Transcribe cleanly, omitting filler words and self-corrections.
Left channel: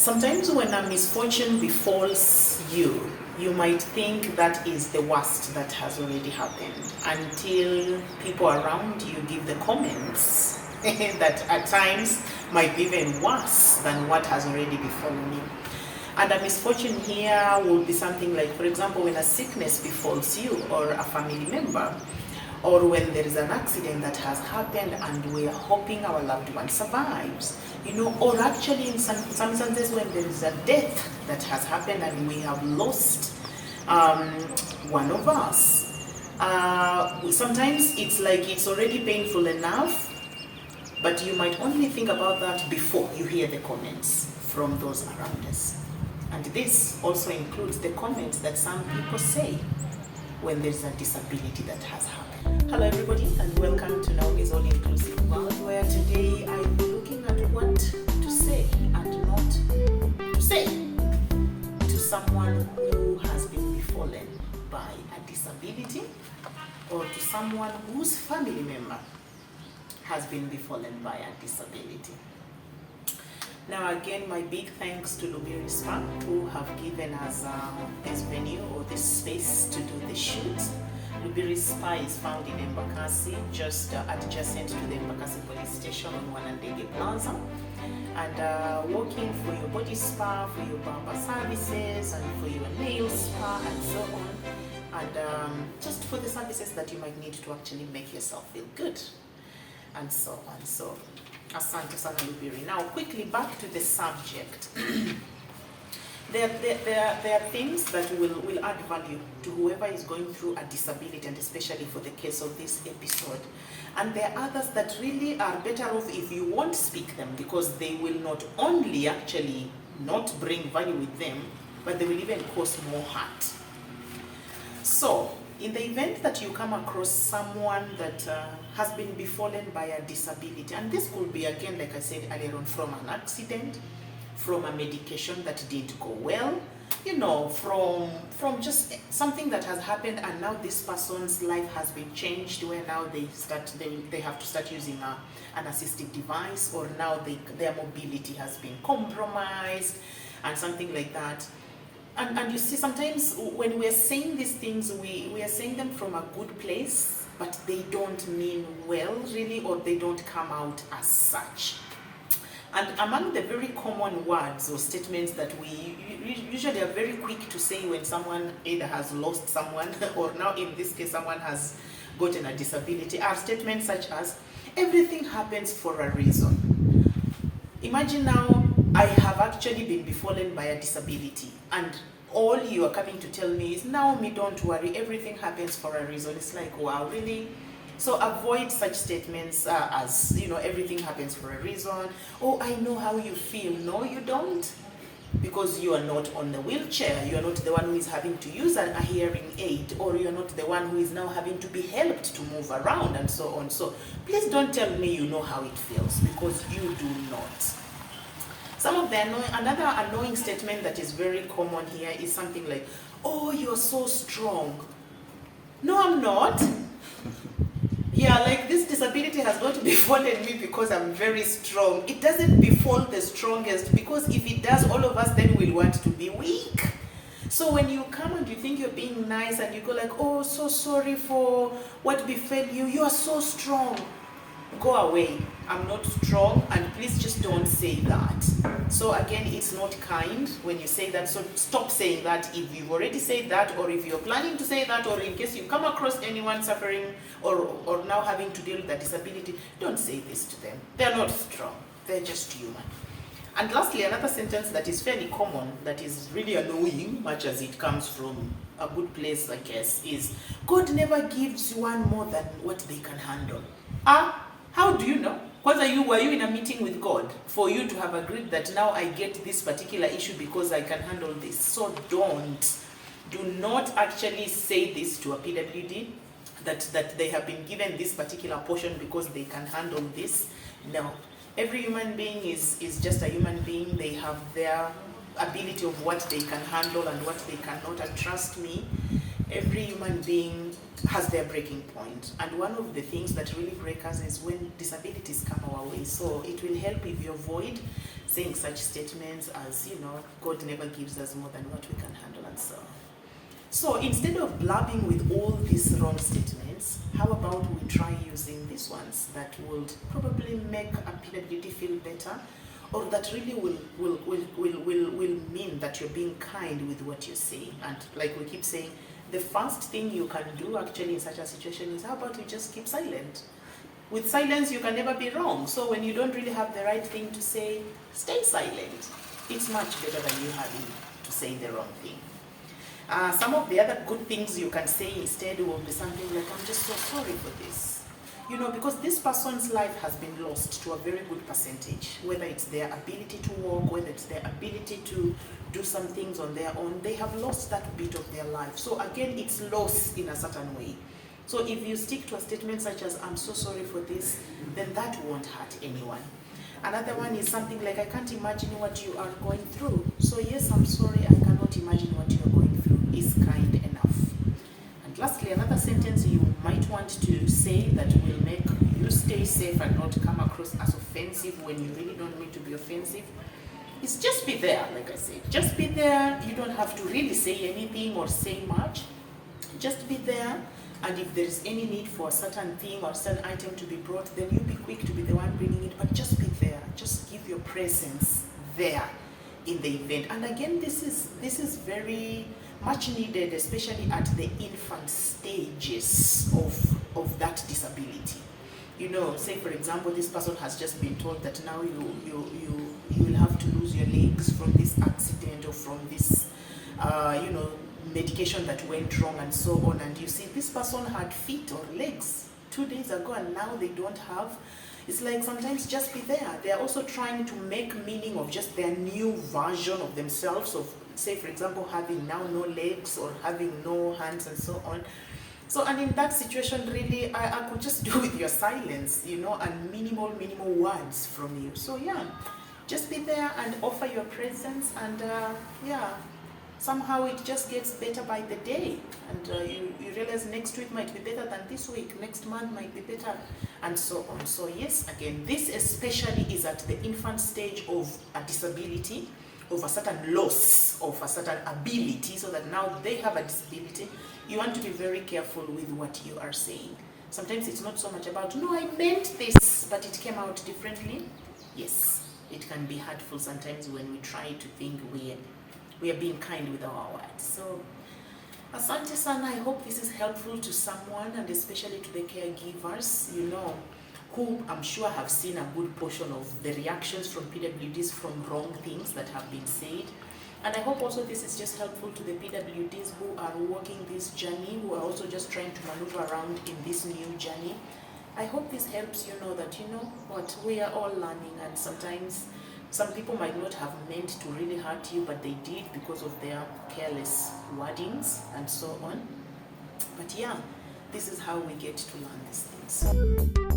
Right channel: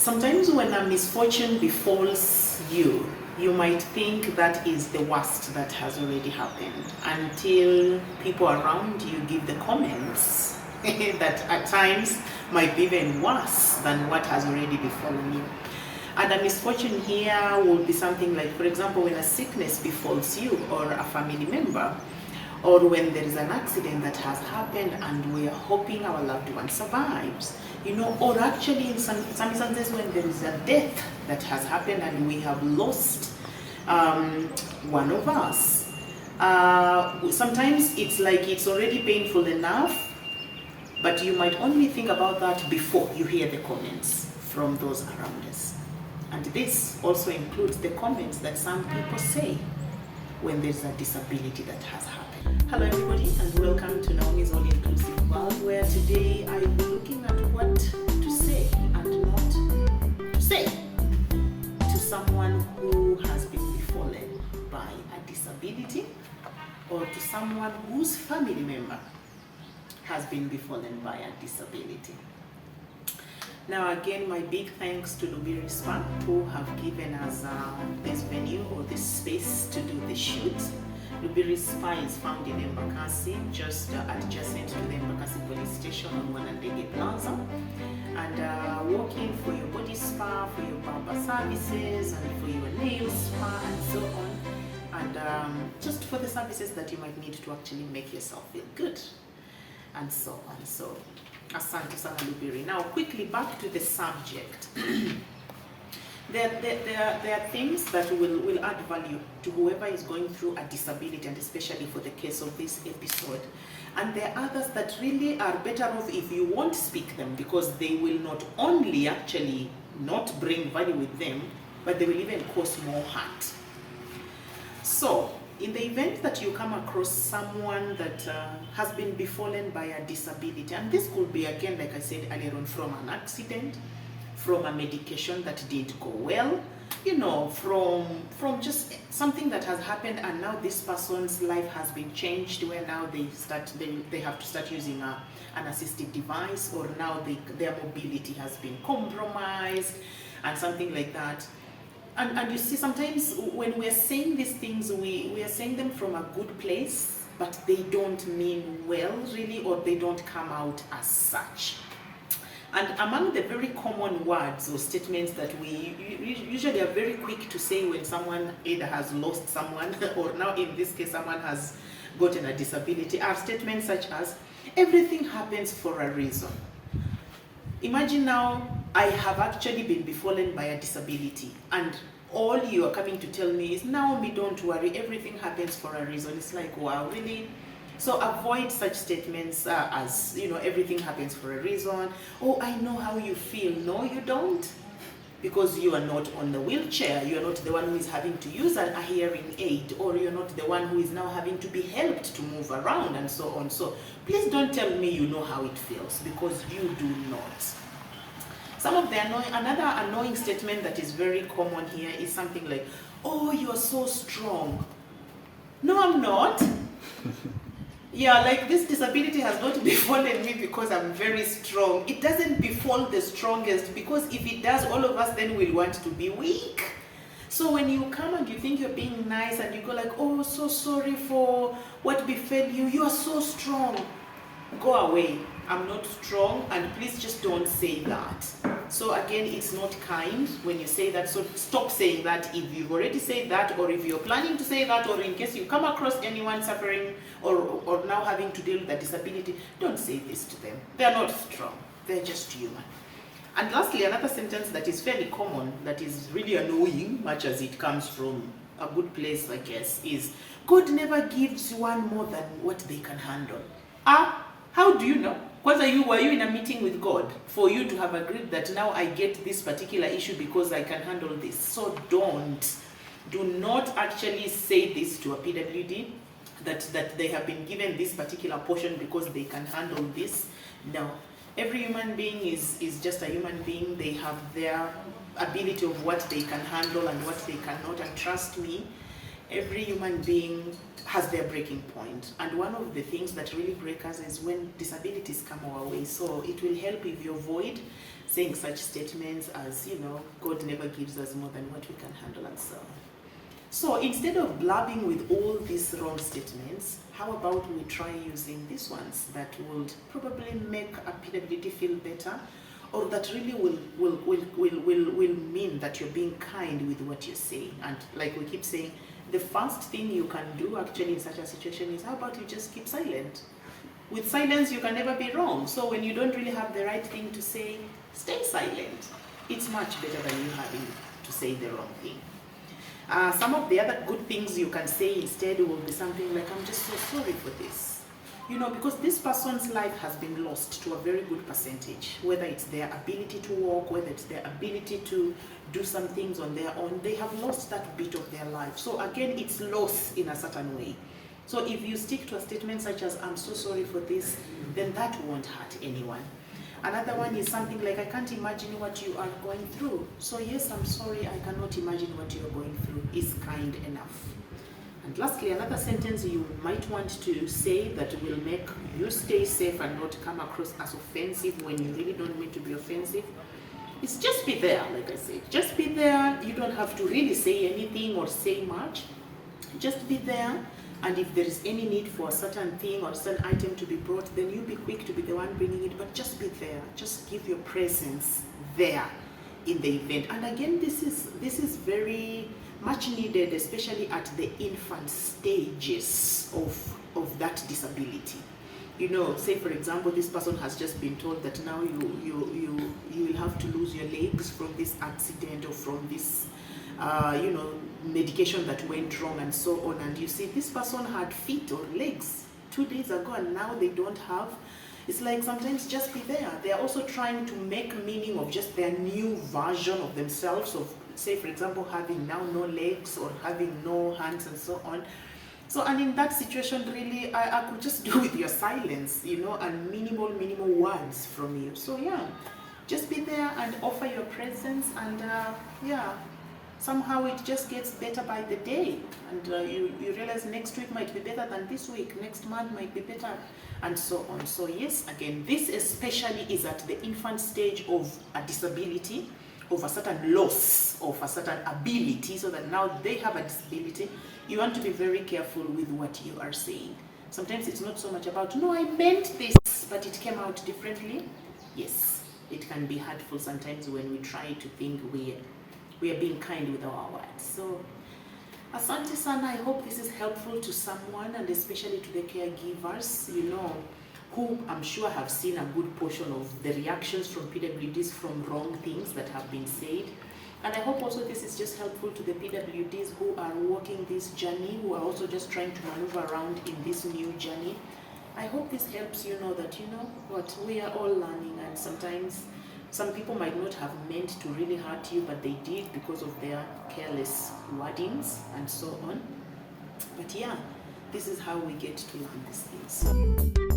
Sometimes when a misfortune befalls you, you might think that is the worst that has already happened until people around you give the comments that at times might be even worse than what has already befallen you. And a misfortune here will be something like, for example, when a sickness befalls you or a family member, or when there is an accident that has happened and we are hoping our loved one survives, or actually in some instances when there is a death that has happened and we have lost one of us. Sometimes it's like it's already painful enough, but you might only think about that before you hear the comments from those around us. And this also includes the comments that some people say when there's a disability that has happened. Hello everybody, and welcome to Naomi's All Inclusive World, where today I'm looking at what to say and not to say to someone who has been befallen by a disability, or to someone whose family member has been befallen by a disability. Now again, my big thanks to Lubiri Spa, who have given us this venue or this space to do the shoot. Lubiri Spa is found in Embakasi, just adjacent to the Embakasi police station on Wanandege Plaza. And walking for your body spa, for your barber services, and for your nail spa, and so on. And just for the services that you might need to actually make yourself feel good, and so on. So, asante sana Lubiri. Now, quickly back to the subject. There are things that will add value to whoever is going through a disability, and especially for the case of this episode. And there are others that really are better off if you won't speak them, because they will not only actually not bring value with them, but they will even cause more hurt. So, in the event that you come across someone that has been befallen by a disability, and this could be, again, like I said earlier on, from an accident, from a medication that didn't go well, from just something that has happened, and now this person's life has been changed, where now they have to start using an assistive device, or now their mobility has been compromised, and something like that. And you see, sometimes when we're saying these things, we are saying them from a good place, but they don't mean well, really, or they don't come out as such. And among the very common words or statements that we usually are very quick to say when someone either has lost someone, or now in this case someone has gotten a disability, are statements such as, everything happens for a reason. Imagine now, I have actually been befallen by a disability, and all you are coming to tell me is, Naomi, don't worry, everything happens for a reason. It's like, wow, really? So avoid such statements as, everything happens for a reason. Oh, I know how you feel. No, you don't. Because you are not on the wheelchair. You are not the one who is having to use a hearing aid, or you're not the one who is now having to be helped to move around, and so on. So please don't tell me you know how it feels, because you do not. Some of the another annoying statement that is very common here is something like, oh, you're so strong. No, I'm not. Yeah, like this disability has not befallen me because I'm very strong. It doesn't befall the strongest, because if it does, all of us then will want to be weak. So when you come and you think you're being nice and you go like, oh, so sorry for what befell you, you are so strong. Go away. I'm not strong, and please just don't say that. So again, it's not kind when you say that, so stop saying that if you've already said that, or if you're planning to say that, or in case you come across anyone suffering or now having to deal with a disability, don't say this to them. They're not strong, they're just human. And lastly, another sentence that is fairly common, that is really annoying, much as it comes from a good place, I guess, is, God never gives one more than what they can handle. How do you know? Were you in a meeting with God for you to have agreed that now I get this particular issue because I can handle this? So do not actually say this to a PWD, that they have been given this particular portion because they can handle this. No. Every human being is just a human being. They have their ability of what they can handle and what they cannot. And trust me, Every human being has their breaking point, and one of the things that really break us is when disabilities come our way. So it will help if you avoid saying such statements as, God never gives us more than what we can handle, and so on. So instead of blabbing with all these wrong statements, how about we try using these ones that would probably make a PWD feel better, or that really will mean that you're being kind with what you say. And like we keep saying, the first thing you can do actually in such a situation is, how about you just keep silent? With silence, you can never be wrong. So when you don't really have the right thing to say, stay silent. It's much better than you having to say the wrong thing. Some of the other good things you can say instead will be something like, I'm just so sorry for this. Because this person's life has been lost to a very good percentage, whether it's their ability to walk, whether it's their ability to do some things on their own, they have lost that bit of their life. So again, it's loss in a certain way. So if you stick to a statement such as, I'm so sorry for this, then that won't hurt anyone. Another one is something like, I can't imagine what you are going through. So yes, I'm sorry, I cannot imagine what you are going through is kind enough. And lastly, another sentence you might want to say that will make you stay safe and not come across as offensive when you really don't mean to be offensive, is just be there. Like I said, just be there. You don't have to really say anything or say much. Just be there. And if there is any need for a certain thing or a certain item to be brought, then you be quick to be the one bringing it, but just be there. Just give your presence there in the event. And again, this is very much needed, especially at the infant stages of that disability. Say for example, this person has just been told that now you will have to lose your legs from this accident or from this medication that went wrong and so on, and you see this person had feet or legs 2 days ago and now they don't have. It's like sometimes just be there. They are also trying to make meaning of just their new version of themselves, of say for example having now no legs or having no hands and so on. So, and in that situation really I could just do with your silence, and minimal words from you. So yeah, just be there and offer your presence, and somehow it just gets better by the day, and you realize next week might be better than this week, next month might be better, and so on. So yes, again, this especially is at the infant stage of a disability, of a certain loss of a certain ability, so that now they have a disability. You want to be very careful with what you are saying. Sometimes it's not so much about, no, I meant this, but it came out differently. Yes, it can be hurtful sometimes when we try to think we are being kind with our words. So, asante sana. I hope this is helpful to someone, and especially to the caregivers, who I'm sure have seen a good portion of the reactions from PWDs from wrong things that have been said. And I hope also this is just helpful to the PWDs who are walking this journey, who are also just trying to maneuver around in this new journey. I hope this helps you know that, what, we are all learning, and sometimes some people might not have meant to really hurt you, but they did because of their careless wordings and so on. But yeah, this is how we get to learn these things.